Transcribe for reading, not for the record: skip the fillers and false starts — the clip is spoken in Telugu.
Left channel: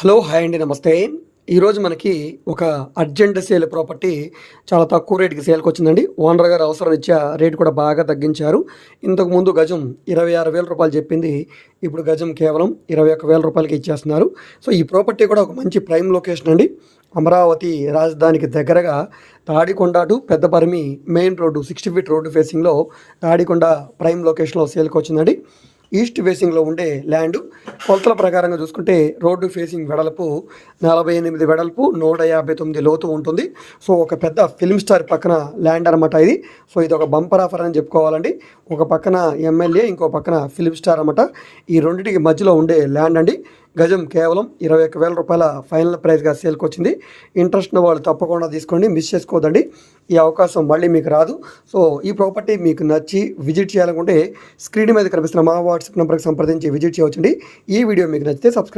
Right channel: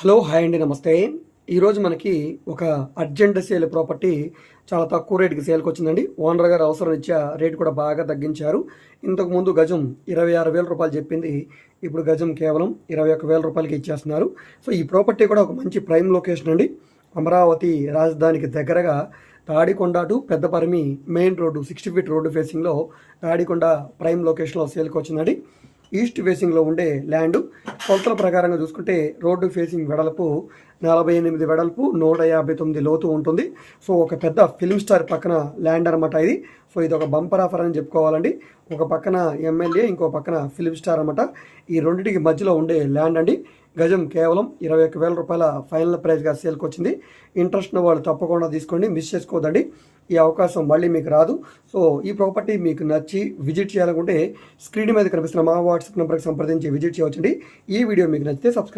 హలో హాయ్ అండి నమస్తే. ఈరోజు మనకి ఒక అర్జెంట్ సేల్ ప్రాపర్టీ చాలా తక్కువ రేటుకి సేల్కి వచ్చిందండి. ఓనర్ గారు అవసరం రీత్యా రేటు కూడా బాగా తగ్గించారు. ఇంతకుముందు గజం 26,000 రూపాయలు చెప్పింది ఇప్పుడు గజం కేవలం 21,000 రూపాయలకి ఇచ్చేస్తున్నారు. సో ఈ ప్రాపర్టీ కూడా ఒక మంచి ప్రైమ్ లొకేషన్ అండి. అమరావతి రాజధానికి దగ్గరగా Tadikonda to Peddaparimi main road 60 feet road ఫేసింగ్లో తాడికొండ ప్రైమ్ లొకేషన్లో సేల్కి వచ్చిందండి. ఈస్ట్ ఫేసింగ్లో ఉండే ల్యాండ్ కొలతల ప్రకారంగా చూసుకుంటే రోడ్డు ఫేసింగ్ వెడల్పు 48 వెడల్పు 159 లోతు ఉంటుంది. సో ఒక పెద్ద ఫిల్మ్ స్టార్ పక్కన ల్యాండ్ అనమాట ఇది. సో ఇది ఒక బంపర్ ఆఫర్ అని చెప్పుకోవాలండి. ఒక పక్కన ఎమ్మెల్యే, ఇంకో పక్కన ఫిల్మ్ స్టార్ అనమాట. ఈ రెండింటికి మధ్యలో ఉండే ల్యాండ్ అండి. గజం కేవలం 21,000 రూపాయల ఫైనల్ ప్రైస్గా సేల్కి వచ్చింది. ఇంట్రెస్ట్ ఉన్న వాళ్ళు తప్పకుండా తీసుకోండి, మిస్ చేసుకోవద్దండి. ఈ అవకాశం మళ్ళీ మీకు రాదు. సో ఈ ప్రాపర్టీ మీకు నచ్చి విజిట్ చేయాలనుకుంటే స్క్రీన్ మీద కనిపిస్తున్న మా వాట్సాప్ నెంబర్కి సంప్రదించి విజిట్ చేయవచ్చండి. ఈ వీడియో మీకు నచ్చితే సబ్స్క్రైబ్